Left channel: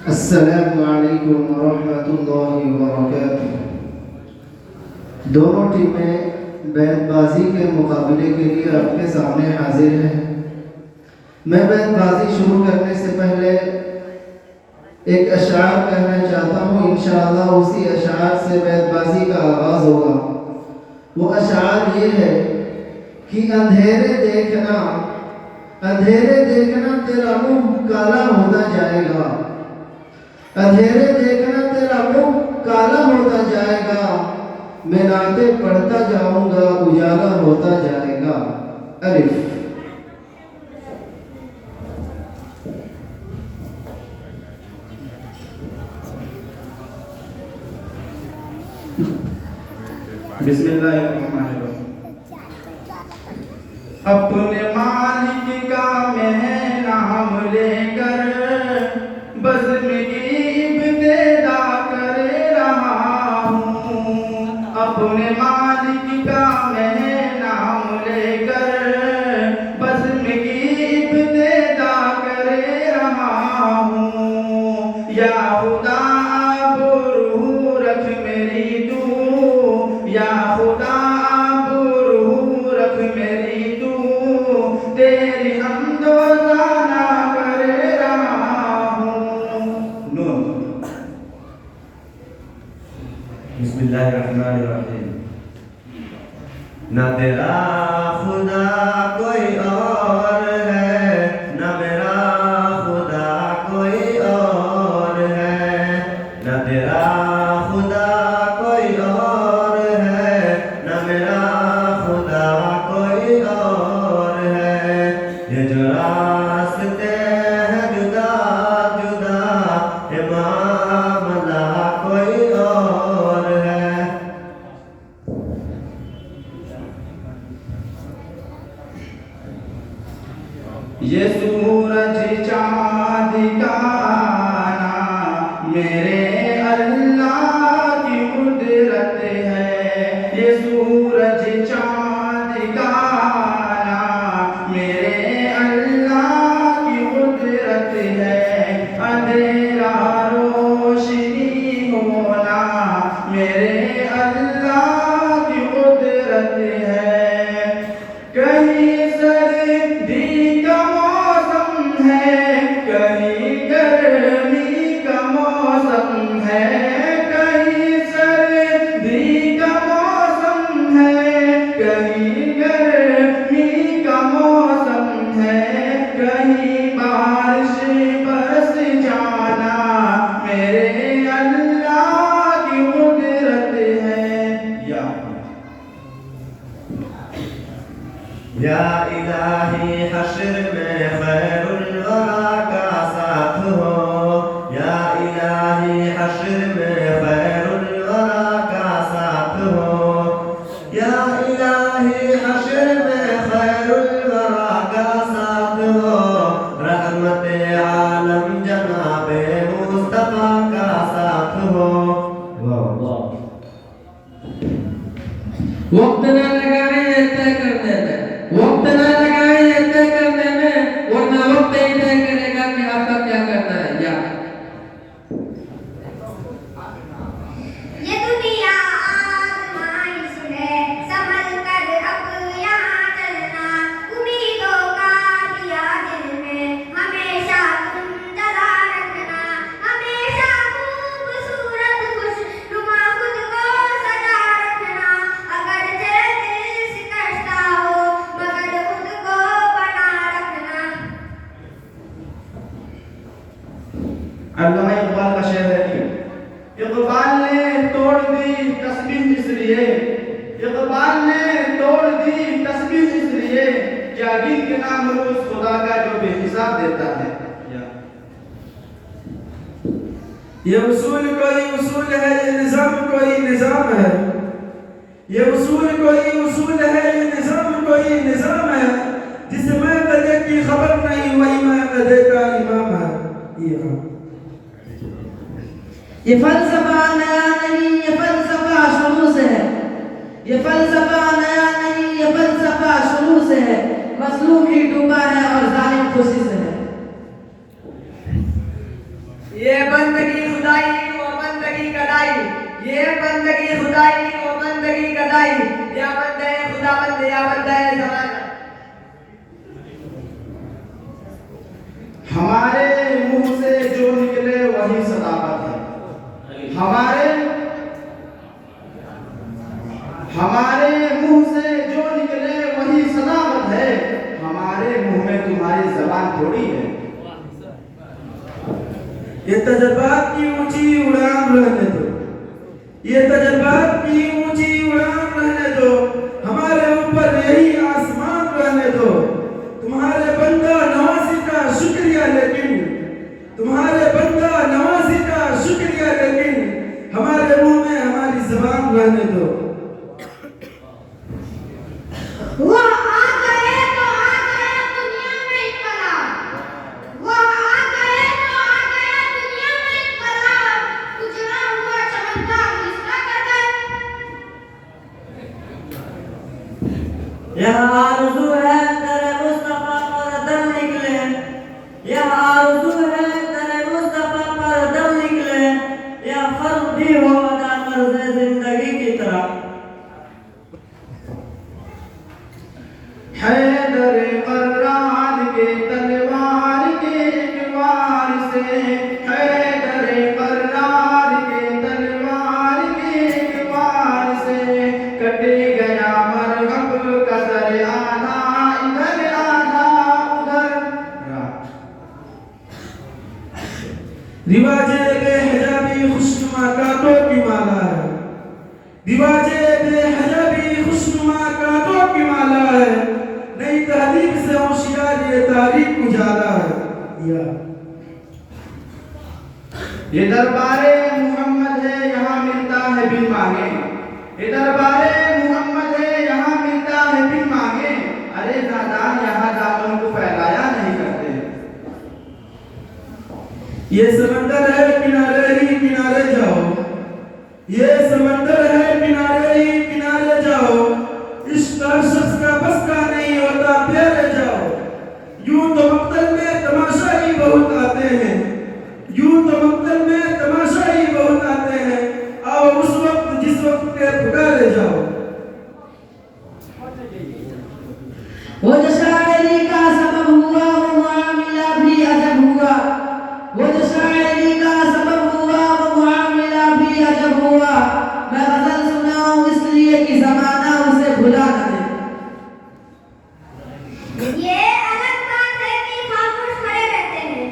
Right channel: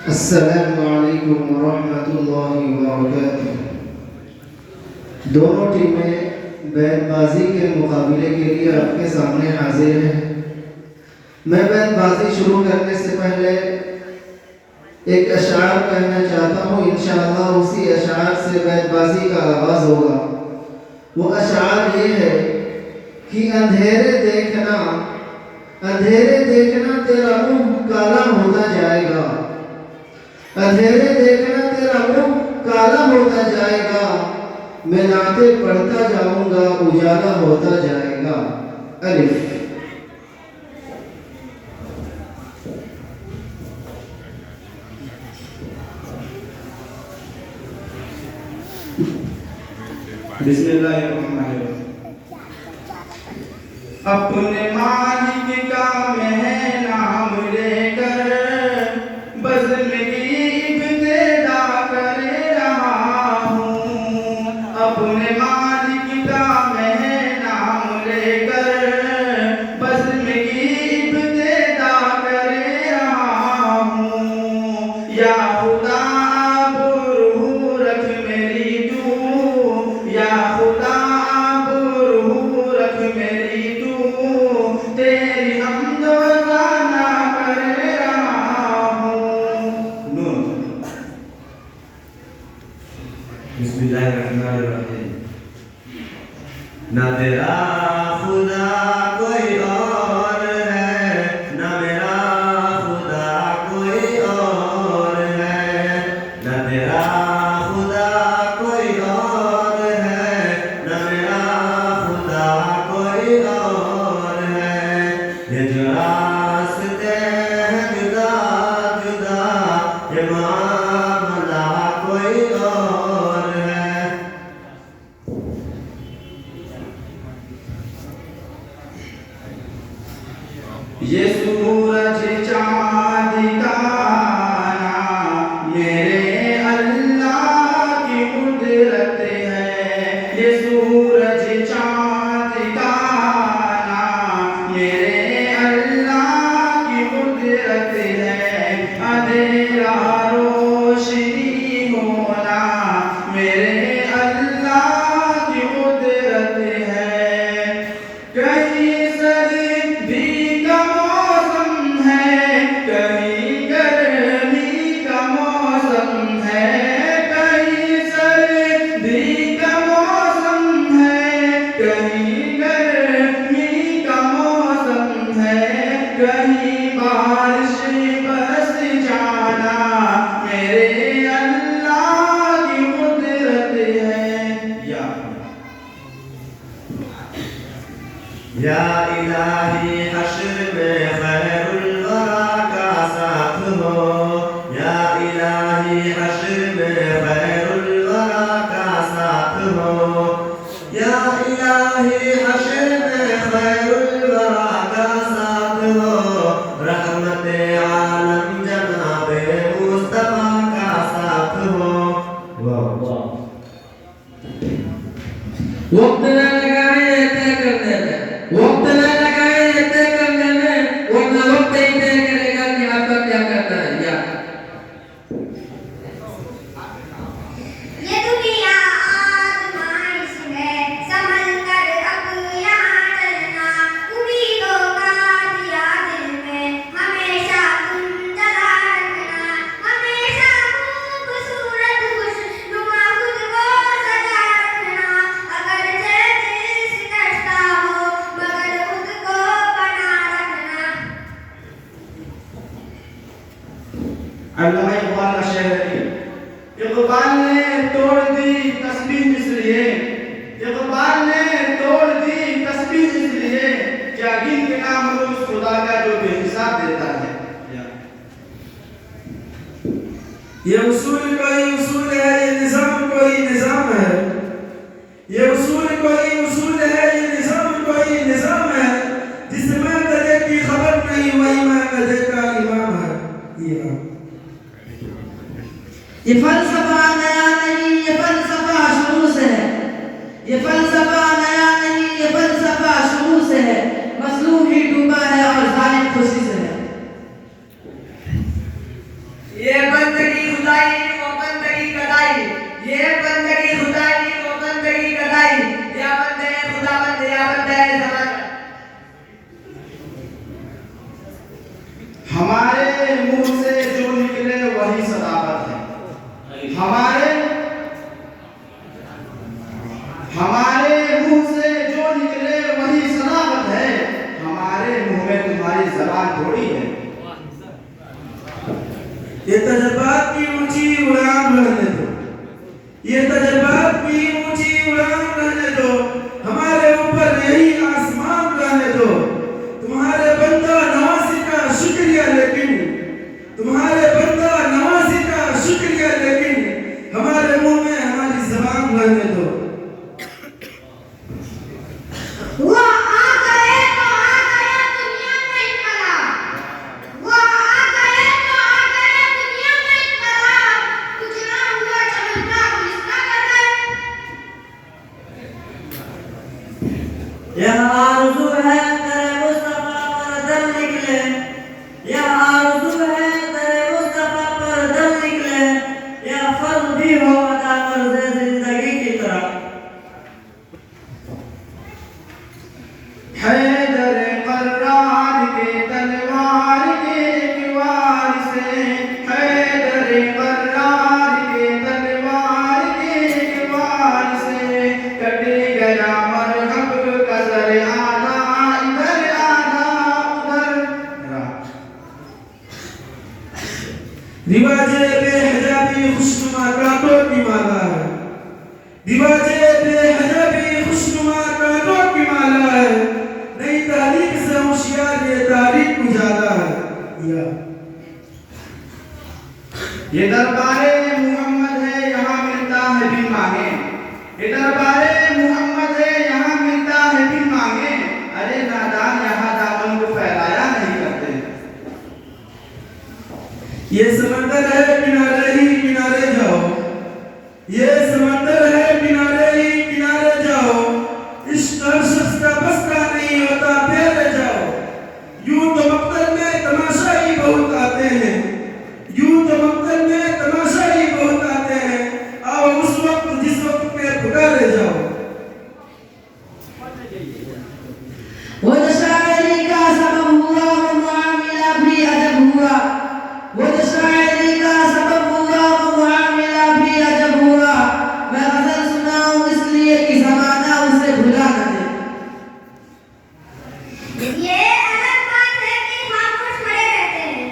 अस्सलामु अलैकुम वरहमतुल्लाहि वबरकातुह। दोनों टीमें बैतबाजी के मुकाबले के लिए आपके सामने हाजिर हैं। मैं बैतबाजी शुरू करने से पहले एक अशार कहना चाहता हूँ। इंशाअल्लाह उसी अशार से बैतबाजी का आगाज़ होगा। वो अशार ये है कि अंधेरे देखना तेरा मुंह काला होता जाएगा। अंधेरे देखना तेरा मुंह काला होता जाएगा। मैं रातें पढ़ता जाऊंगा, उजाला होता जाएगा। अलिफ। बिस्मिल्लाहिर्रहमानिर्रहीम। अपने मालिक का मैं नाम लेकर बज़्म की इब्तिदा कर रहा हूँ। अपने मालिक का मैं नाम लेकर बज़्म की इब्तिदा कर रहा हूँ। या खुदा अब रूह रख मेरी तू, या खुदा अब रूह रख मेरी तू, तेरी हमदो सना कर रहा हूँ। बिस्मिल्लाहिर्रहमानिर्रहीम। ना तेरा खुदा कोई और है, ना मेरा खुदा कोई और है। ना तेरा खुदा कोई और है, ना मेरा खुदा कोई और है। ये जो रास्ते हैं जुदा जुदा, ये मामला कोई और है। ये सूरज चाँद का नाम मेरे अल्लाह की कुदरत है। ये सूरज चाँद का नाम मेरे अल्लाह की कुदरत है। अंधेरा रोशनी होना मेरे अल्लाह की कुदरत है। कहीं सर्दी का मौसम है, कहीं गर्मी का मौसम है। कहीं सर्दी का मौसम है, कहीं गर्मी का मौसम है। कहीं बारिश बरस जाना मेरे अल्लाह की कुदरत है। या इलाही हश्र में खैरुल वरा का साथ हो। या इलाही हश्र में खैरुल वरा का साथ हो। या इलाही हश्र में खैरुल वरा का साथ हो। रहमत आलम जनाबे मुस्तफा का साथ हो। वाह वक्त न लगाए तय करने में, वक्त न लगाए तय करने में, वरना वक्त ही तय करेगा कि आपका क्या करना है। या ये दुनिया आजमाइश है, संभल कर अब यहाँ चलना। उम्मीदों का दिया दिल में हमेशा तुम जला रखना। हमेशा खूबसूरत खुशनुमा खुद को सजा रखना। अगर दिल शिकस्ता हो मगर खुद को बना रखना। अल्लामा इकबाल का शेर है कि इकबाल ने तोड़ दी तस्बीह इसलिए, इकबाल ने तोड़ दी तस्बीह इसलिए, क्या गिन के नाम लो उस खुदा का जो बेहिसाब देता है। ये उसूल कोई उसूल है, ये निजाम कोई निजाम है। ये उसूल कोई उसूल है, ये निजाम कोई निजाम है। जिसमें गधे की खबर नहीं वही मैं गधे का इमाम है। ये फलसफा नया नहीं, ये फलसफा शुरू से है। ये फलसफा नया नहीं, ये फलसफा शुरू से है। मसलूक ही डूबा है और जालिम खुशी से है। ये बंदगी खुदाई वो बंदगी कदाई, ये बंदगी खुदाई वो बंदगी कदाई, या बंदे खुदा बंदे या बंदे जमाना। हमारे मुंह से जो निकले वही सदाकत है। हमारे मुंह से जो निकले वही सदाकत है। हमारे मुंह में तुम्हारी जबान थोड़ी है। ये तजर्बात की ऊंची उड़ान रहने दो, ये तजर्बात की ऊंची उड़ान रहने दो, हमारे ऊपर यही आसमान रहने दो। तुम्हारे बंदा नवासी का शुक्रिया लेकिन, तुम्हारे बंदा नवासी का शुक्रिया लेकिन, हमारे मुंह में हमारी जबान रहने दो। वो आ गए तो आ गया दुनिया में इकरार, वो आ गए तो आ गया दुनिया में इकरार, गुजरा हुआ चमकता किसका कदर। यह आरज़ू है तेरे मुस्तफा पर दम निकले, यह आरज़ू है तेरे मुस्तफा पर दम निकले, यह फर्ज भी हो अदा मर्ज़े जिंदगी की तरह। हैदर कर्रार के तलवार के एक वार से, हैदर कर्रार के तलवार के एक वार से, कट गया मरहब का सर आना इधर आना उधर। रिवाजे बेहजाबी खुशनुमा कांटों की माला है, रिवाजे बेहजाबी खुशनुमा कांटों की माला है, नई तारीख से होशियार ये तारीख उजाला है। ये दरबारे मोहम्मद है यहाँ मिलता है बिन मांगे, ये दरबारे मोहम्मद है यहाँ मिलता है बिन मांगे। अरे नादान यहाँ दामों को फैलाया नहीं करते। ये समंदर है किनारे ही किनारे जाओ, ये समंदर है किनारे ही किनारे जाओ, इस शख्स का बस का नहीं होता तेरे जाओ। यूं तो मक्तल में तमाशा ही बहुत आते हैं, यूं तो मक्तल में तमाशा ही बहुत आते हैं, आओ उस वक्त जिस वक्त के पुकारे जाओ। वो जो शायरी का सबब हुआ वो मामला भी अजब हुआ, वो जो शायरी का सबब हुआ वो मामला भी अजब हुआ। मैं गजल सुनाऊं इसलिए कि जमाना उसे भुला न दे। ये अलग बात है कि खामोश खड़े रहते हैं,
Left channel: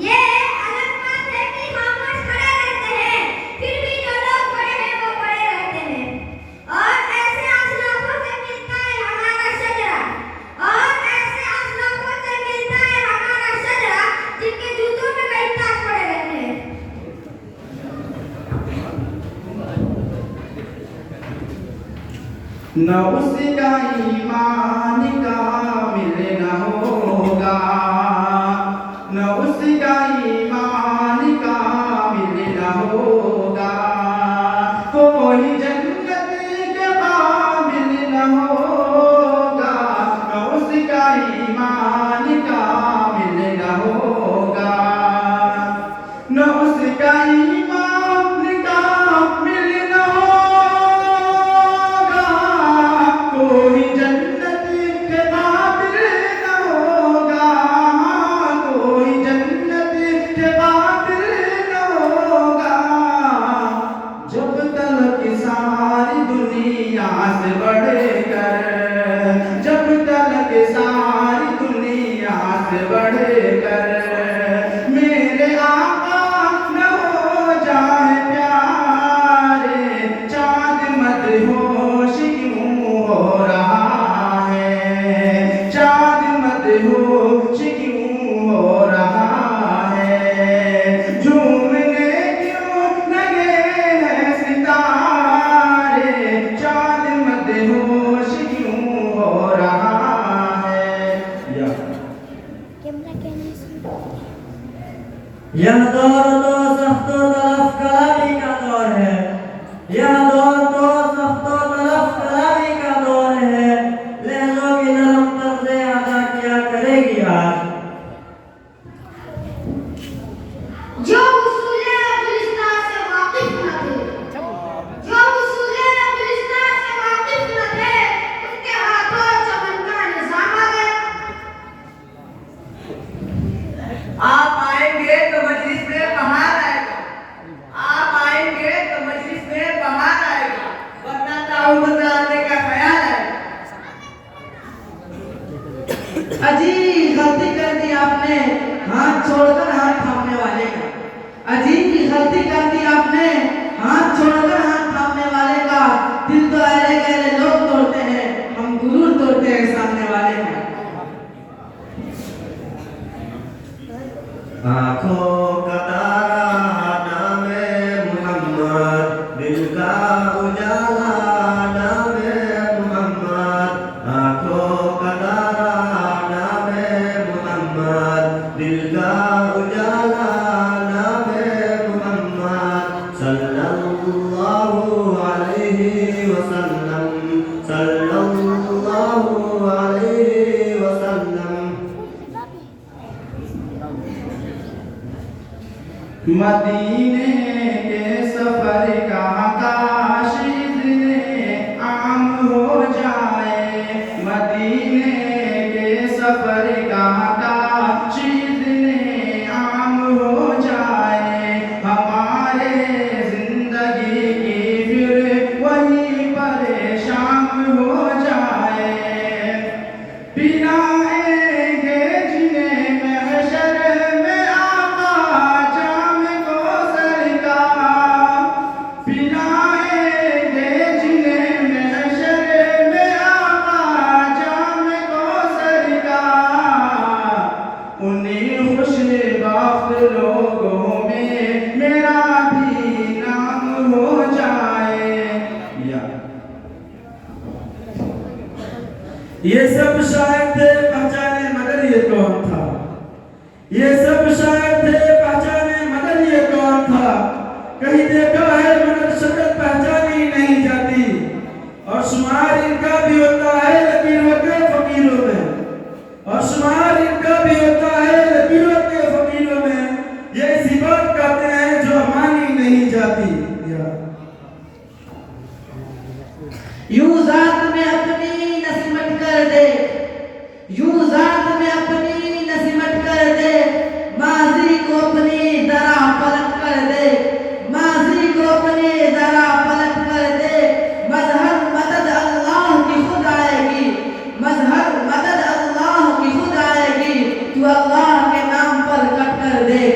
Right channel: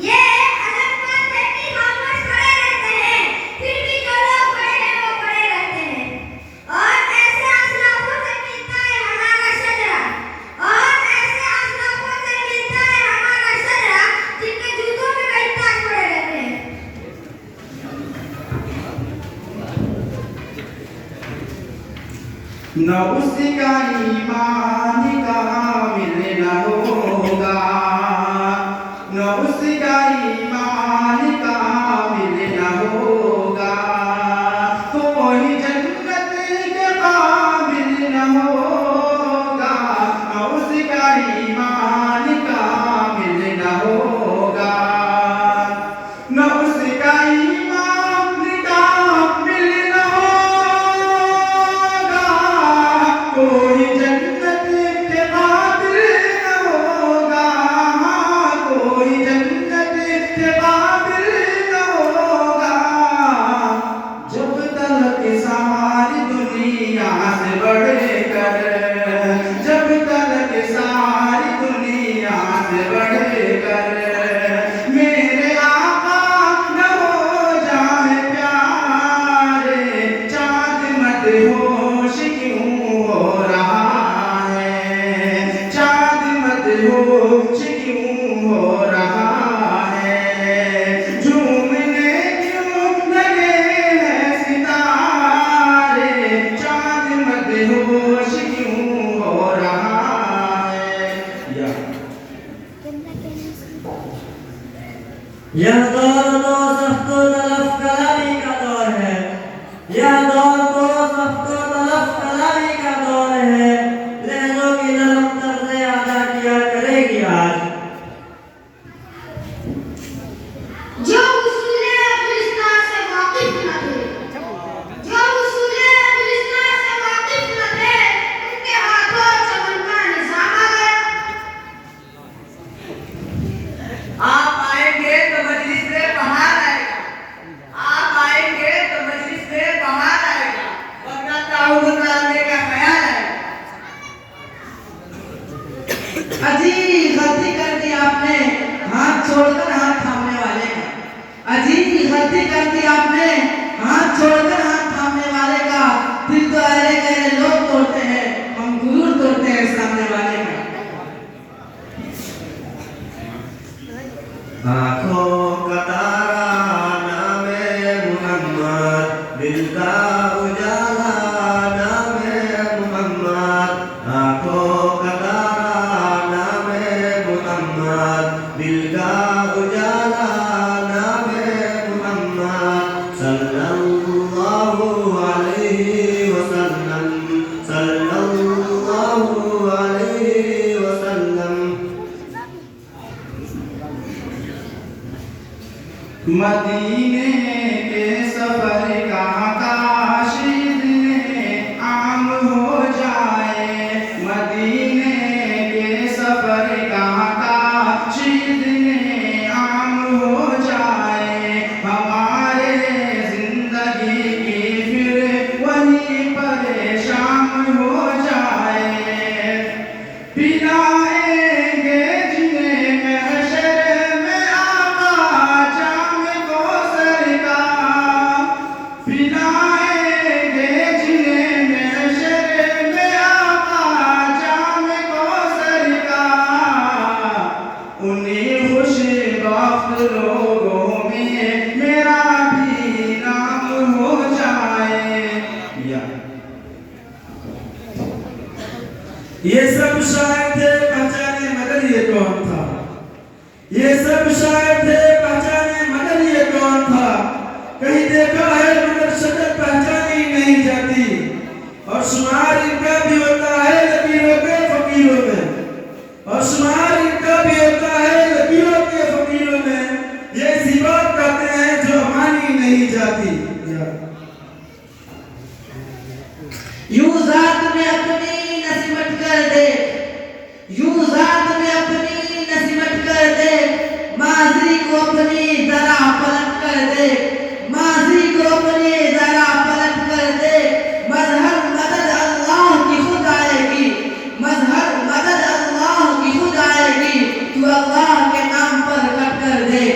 ये अलग बात है कि खामोश खड़े रहते हैं, फिर भी जो लोग खड़े हैं वो खड़े रहते हैं। और ऐसे असलाफों से मिलता है हमारा शजरा, और ऐसे असलाफों से मिलता है हमारा शजरा, जिनके जूतों में कई ताज पड़े रहते हैं। न उसका ईमान कामिल न होगा, न उसका ईमान कामिल न होगा, कोई जन्नत के काबिल न होगा, न उसका ईमान कामिल न होगा, न उसका ईमान कामिल न होगा, कोई जन्नत के काबिल न होगा, कोई जन्नत के काबिल न होगा। जब तक सारी दुनिया से बढ़कर, जब तक सारी दुनिया से बढ़कर मेरे आका न हो जाए प्यारे, चाँद मदहोश क्यों हो रहा है, चाँद मदहोश क्यों हो रहा है, झूमने क्यों लगे हैं सितारे, चाँद मदहोश क्यों हो रहा है। यह दौर तो सख्तो तलफ कलामी का दौर है, यह दौर तो सख्तो तलफ कलामी का दौर है, लहजों की नरम तर्ज़े अदा किया करेगी आज। जो मदीने के सफर का काशिद आम हो जाए, मदीने के सफर का काशिद आम हो जाए, हमारे जिंदगी की फिर वही परेशान हो जाए। पिलाएंगे जिन्हें महशर में आका जाम कौसर का, पिलाएंगे जिन्हें महशर में आका जाम कौसर का, उन्हीं खुशबख्त लोगों में मेरा भी नाम हो जाए। ये सब शायर थे पहचाने मगर ये कौन था, ये सब शायर थे पहचाने मगर ये कौन था, कहीं देखा है मगर शक्ल पहचानी नहीं जाती, और शुमार इनका भी होता है लकीरों के फकीरों में, और शुमार इनका भी होता है लकीरों के फकीरों में, ये इसी बात कहते हैं जो मानी नहीं जाती। यूं जात में अपनी नसीमत कर दे, यूं जात में अपनी नसीमत कर दे, माजी को अपनी जरा पलट कर दे, माजी को अपनी जरा पलट कर दे, मजहर मदद अल्लाह की खुद आएगी, मजहर मदद अल्लाह की खुद आएगी, तू अल्लाह के नाम पर कट कर दे।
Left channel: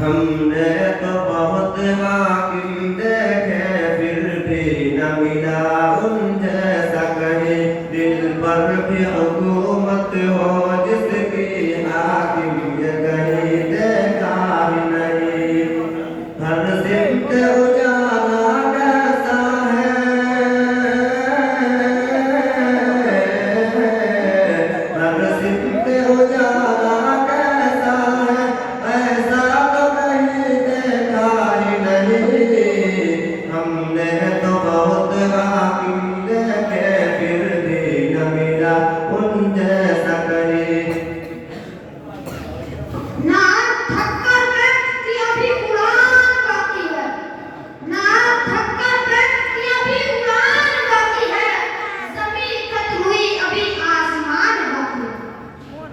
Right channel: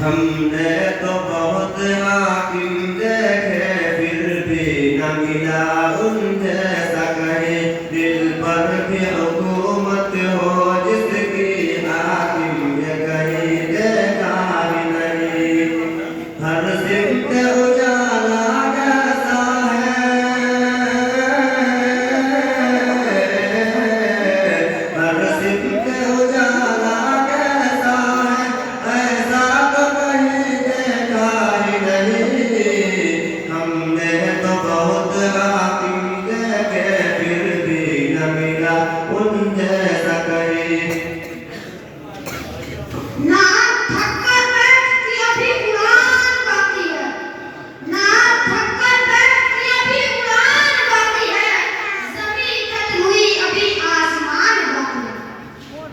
हमने तो बहुत हाकिम देखे फिर भी न मिला उन जैसा कहीं, दिल पर भी हुकूमत हो जिसकी हाकिम ये कहीं देखा ही नहीं, हर सिमत उजाला कैसा है, हर सिमत उजाला कैसा है, ऐसा तो कहीं देखा ही नहीं, हमने तो बहुत हाकिम देखे फिर भी न मिला उन जैसा कहीं। ना थककर बैठती अभी उड़ान बाकी है, ना थककर बैठती अभी उड़ान बाकी है, ज़मीन खत्म हुई अभी आसमान बाकी है।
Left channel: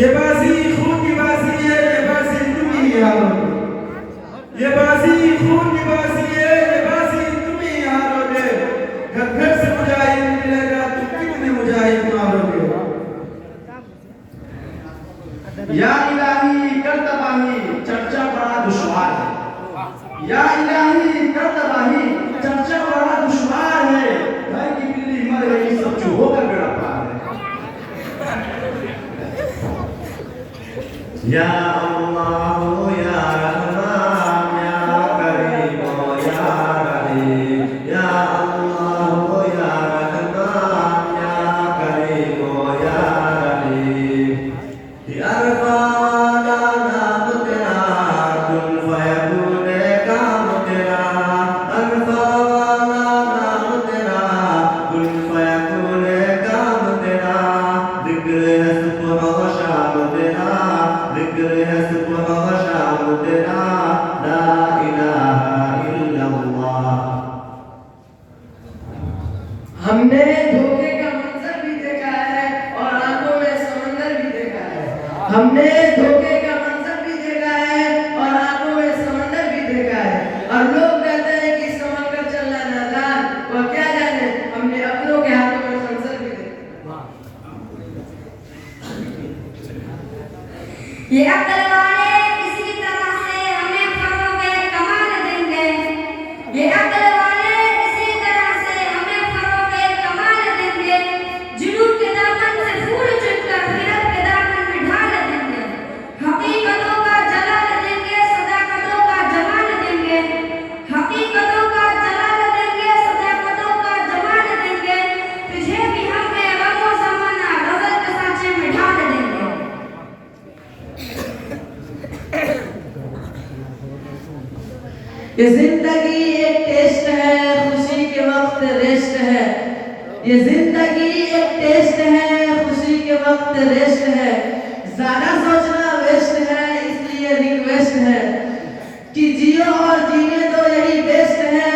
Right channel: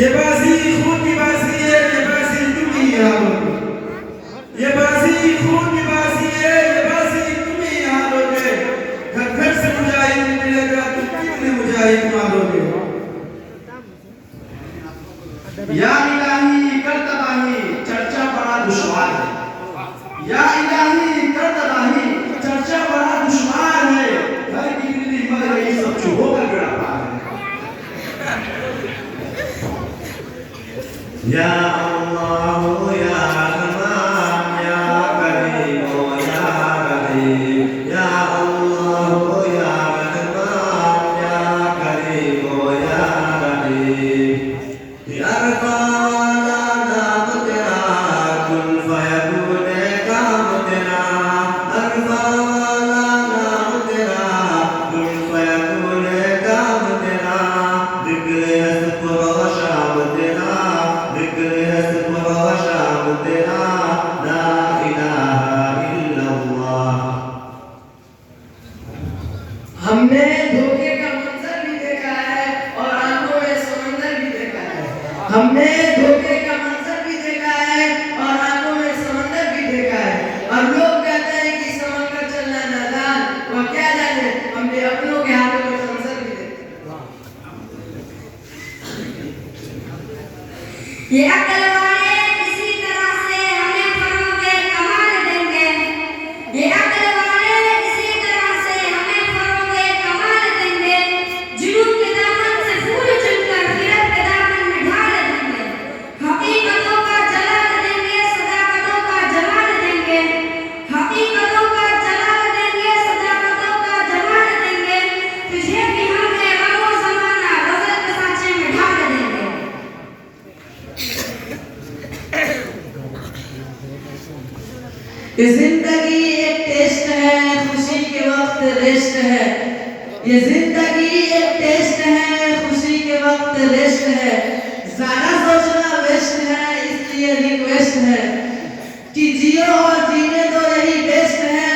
ये बाजी खून की बाजी है, ये बाजी तुम ही हारोगे, ये बाजी खून की बाजी है, ये बाजी तुम ही हारोगे, घर घर से मुजाहिद मिलेगा तुम कितने मुजाहिद मारोगे। या इलाही कर तबाही चर्चा बड़ा दुश्वार है, या इलाही कर तबाही चर्चा बड़ा दुश्वार है, घर की बिल्ली मर गई सब चुप होकर बेड़ा पार है। या अल्लाह या रहमान या करीम या रहीम, या अल्लाह या रहमान या करीम या रहीम, या रब्बाना नाम तेरा कुन फयकून काम तेरा, अरफाना नाम तेरा कुन फयकून काम तेरा, जिक्र है सुबह व शाम तेरा, जिक्र है सुबह व शाम तेरा, ला इलाहा इल्लल्लाह। हमने धोखे का मंजर भी देखा है और आंखों में समंदर भी देखा है, हमने धोखे का मंजर भी देखा है और आंखों में समंदर भी देखा है, और लोग कहते हैं कि समंदर चलना नादान, वो क्या जाने हमने अपनों के हाथों में खंजर भी देखा। ये अक्ल वाले किसी तरह से हमें फरोगे कमाल देंगे, ये अक्ल वाले किसी तरह से हमें फरोगे कमाल देंगे, जुनून के दामन से फूल चुनकर फिरत के दामन में ढाल देंगे, हकीकतों का जलाल देंगे सदाकतों का जमाल देंगे, हकीकतों का जलाल देंगे सदाकतों का जमाल देंगे, तुझे भी हमें रमो जमाना गजल के सांचे में ढाल देंगे। ये जिंदगी एक टेस्ट है, खुशी के वक्त रेस्ट है, ये जिंदगी एक टेस्ट है, खुशी के वक्त रेस्ट है, ज्यादा सोचना वेस्ट है, इसलिए रिक्वेस्ट है कि जियो और जीने दो यही बेस्ट है,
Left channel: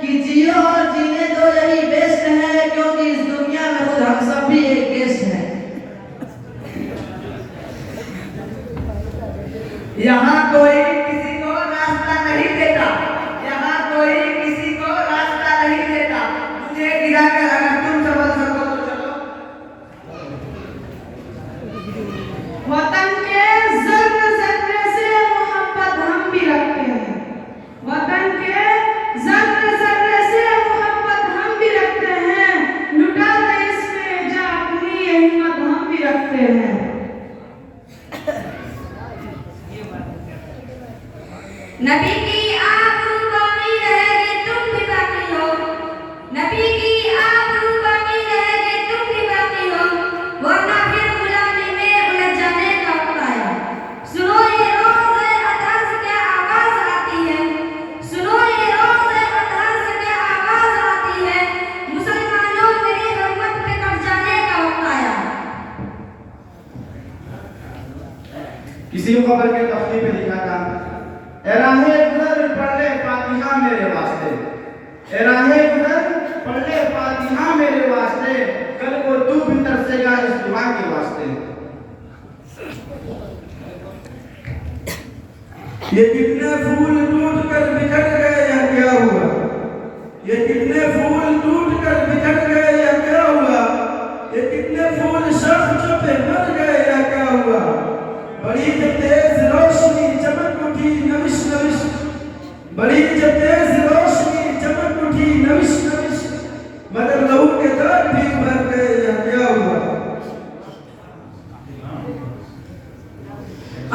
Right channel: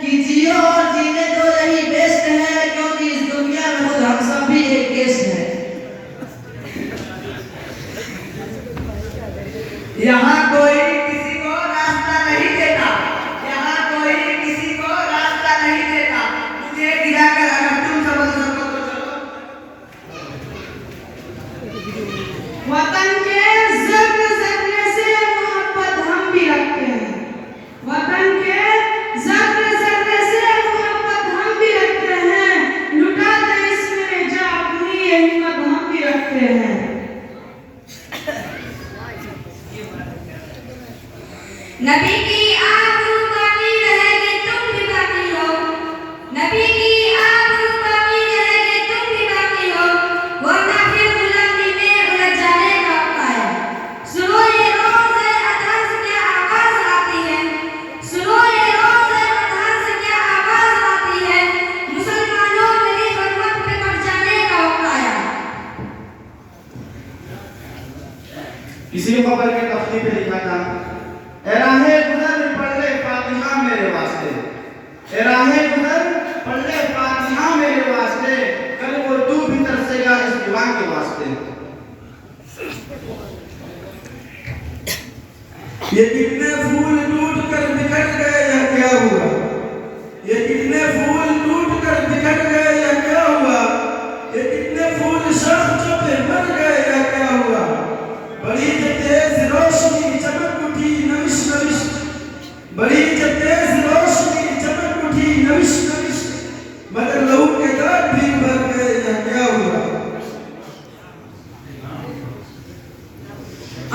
कि जियो और जीने दो यही बेस्ट है, क्योंकि इस दुनिया में खुद हम सब भी एक गेस्ट है। यहाँ कोई किसी को रास्ता नहीं देता, यहाँ कोई किसी को रास्ता नहीं देता, मुझे गिरा कर अगर तुम समझ सको तो चलो। वतन के ज़र्रे ज़र्रे से मोहब्बत हम भी रखते हैं, वतन के ज़र्रे ज़र्रे से मोहब्बत हम भी रखते हैं, लुटा दे इसमें जा अपनी ये हिम्मत हम भी रखते हैं। नबी की आबरू बाकी रहेगी तुम भी बाकी हो, नबी की आबरू बाकी रहेगी तुम भी बाकी हो, वरना फिर गुलामी में उलझ जाने का वक्त आया। सुनो ये रोज़ अतहर से क्या आवाज़ आती है, सुनो ये रोज़ अतहर से क्या आवाज़ आती है, मुसलमानों मेरी रहमत पे कट जाने का वक्त आया। किसी खबर के तफ्ती पे लिखा था, ए राहे गुज़र पढ़ ले फातिहा मेरे वास्ते, ए राहे गुज़र पढ़ ले फातिहा मेरे वास्ते, कल को तू भी तरसेगा इस दुआ के वास्ते। ये कितने फूल टूट कर बिखर गए या क्या हुआ, ये कितने फूल टूट कर बिखर गए या क्या हुआ, ये कितने फूल शर्फ पे मर गए या क्या हुआ, बड़ी तेज रोशनी चमक उठी नविश नविश, बड़ी तेज रोशनी चमक उठी नविश नविश, मगर लहू के दाग भी भर गए या क्या हुआ।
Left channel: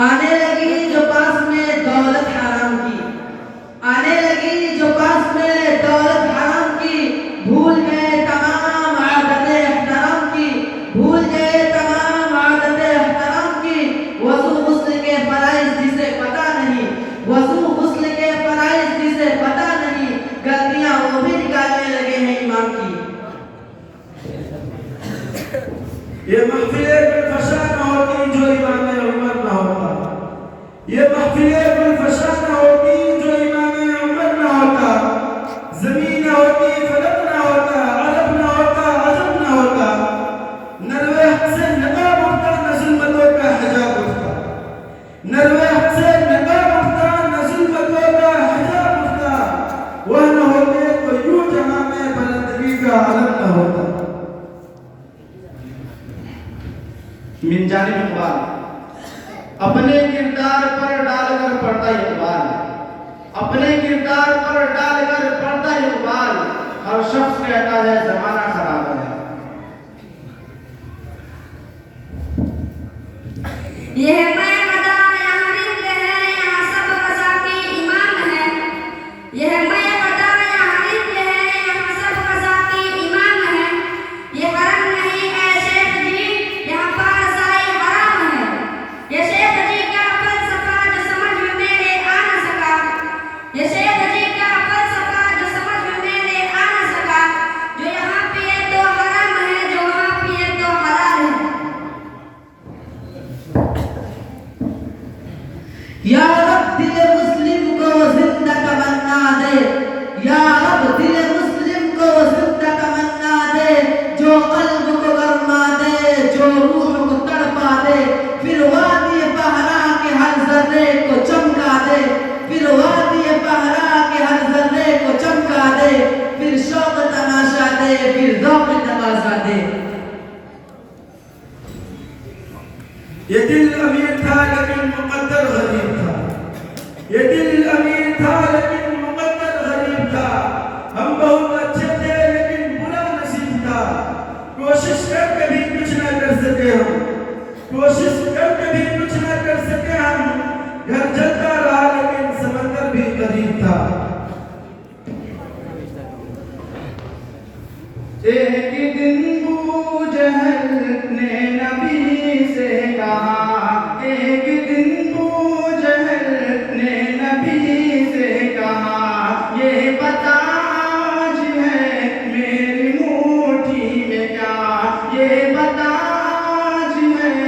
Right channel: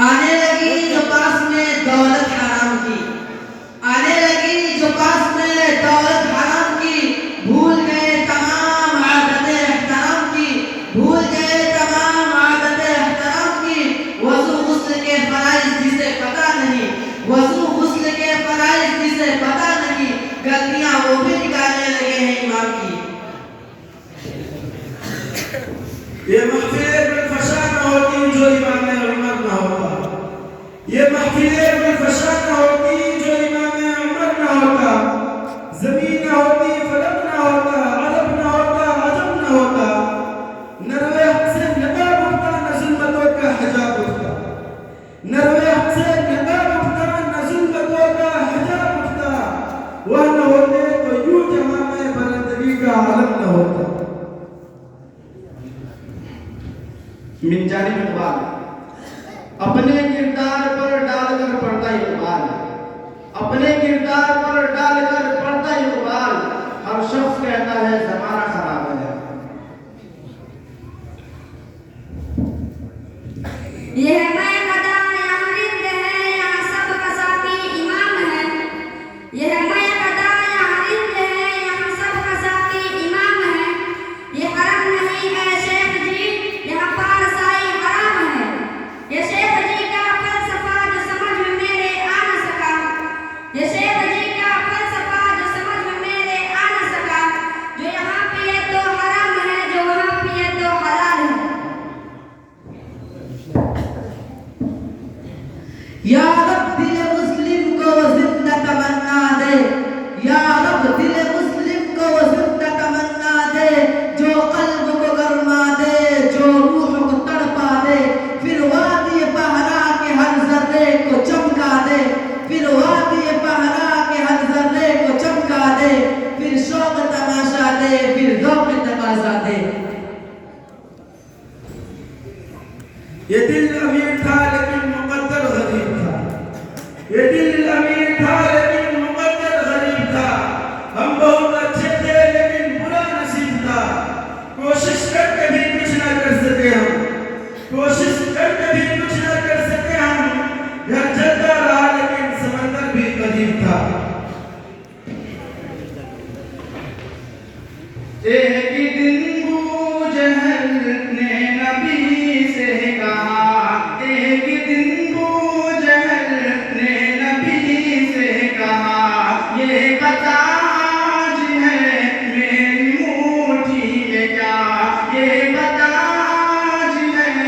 आने लगी जो पास में दौलत हराम की, आने लगी जो पास में दौलत हराम की, भूल गए तमाम आदतें एहतराम की, भूल गए तमाम आदतें एहतराम की, वज़ू गुस्ल के फराइज़ जिसे पता नहीं, वज़ू गुस्ल के फराइज़ जिसे पता नहीं, गलतियां वो भी निकालने लगे हैं इमाम की। ये महफिलें गुलफशा न होती जो इमाम उमर न होता, ये महफिलें गुलफशा न होती जो इमाम उमर न होता, ज़मीन न होती फलक न होता, अरब न होता अजब न होता, नरवे हक से नकाब उठता न ज़ुल्मतों का हिजाब उठता, नरवे हक से नकाब उठता न ज़ुल्मतों का हिजाब उठता, वह न होते तो यूं जहां में बुलंदी का आलम न होता। मिन जानिब इक़बाल, अपने किरदार पर डालकर पढ़ता इक़बाल, अपने किरदार पर डालकर पढ़ता इक़बाल, हर शख्स कहता है ज़माना खराब है। यह मैं गदा यहाँ रिंद है, यहाँ सब कसाबी इमाम है, यह मैं गदा यहाँ रिंद है, यहाँ सब कसाबी इमाम है, ये हरम नहीं है शेख जी, यहाँ पारसाई हराम है, ये शेख जी का फलसफा जो समझ में मेरे आ न सका, ये शेख जी का फलसफा जो समझ में मेरे आ न सका, जो यहाँ पिए तो हराम है, जो वहाँ पिए तो हलाल है। या रब दिल मुस्लिम को जिंदा तमन्ना दे, या रब दिल मुस्लिम को जिंदा तमन्ना दे, जो कल्ब को गरमा दे, जो रूह को तड़पा दे, फिर वादी पहरा के हर जर्रे को चमका दे, फिर वादी पहरा के हर जर्रे को चमका दे, फिर शौक तमाशा दे, फिर ज़ौक़ तकाज़ा दे। ये दिल अमीर था लेकिन मुकद्दर गरीब था, ये दिल अमीर था लेकिन मुकद्दर गरीब था, हम बहुत अच्छे थे लेकिन बुरा नसीब था, कोशिश करके भी कुछ न कर सके हम, कोशिश करके भी कुछ न कर सके हम, घर जलता रहा लेकिन समंदर भी करीब था। एक दिन बूझ ने नबी से कहा, एक दिन बूझ ने नबी से कहा, ये बता आज है मेरी मुट्ठी में क्या, ये बता आज है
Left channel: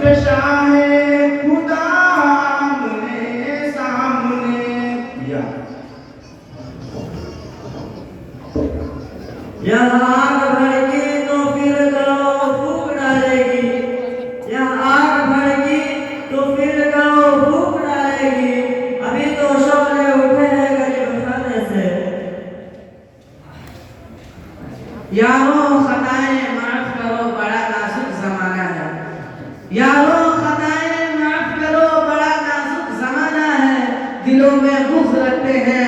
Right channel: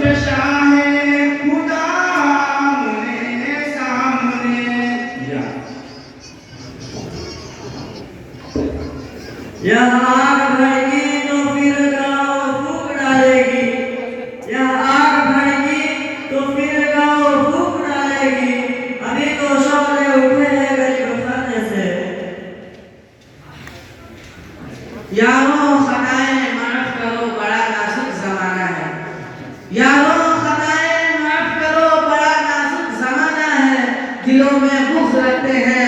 पेश आए खुदा आमने सामने। यहाँ आग भड़की तो फिर गाँव फूक डालेगी, यहाँ आग भड़की तो फिर गाँव फूक डालेगी, अभी तो शोले उठे हैं गरीब खाने से। यारों खताएं माफ करो बड़ा नाजुक जमाना है, यारों खताएं माफ करो बड़ा नाजुक जमाना है, दिलों में बुग़्ज़ रखते हैं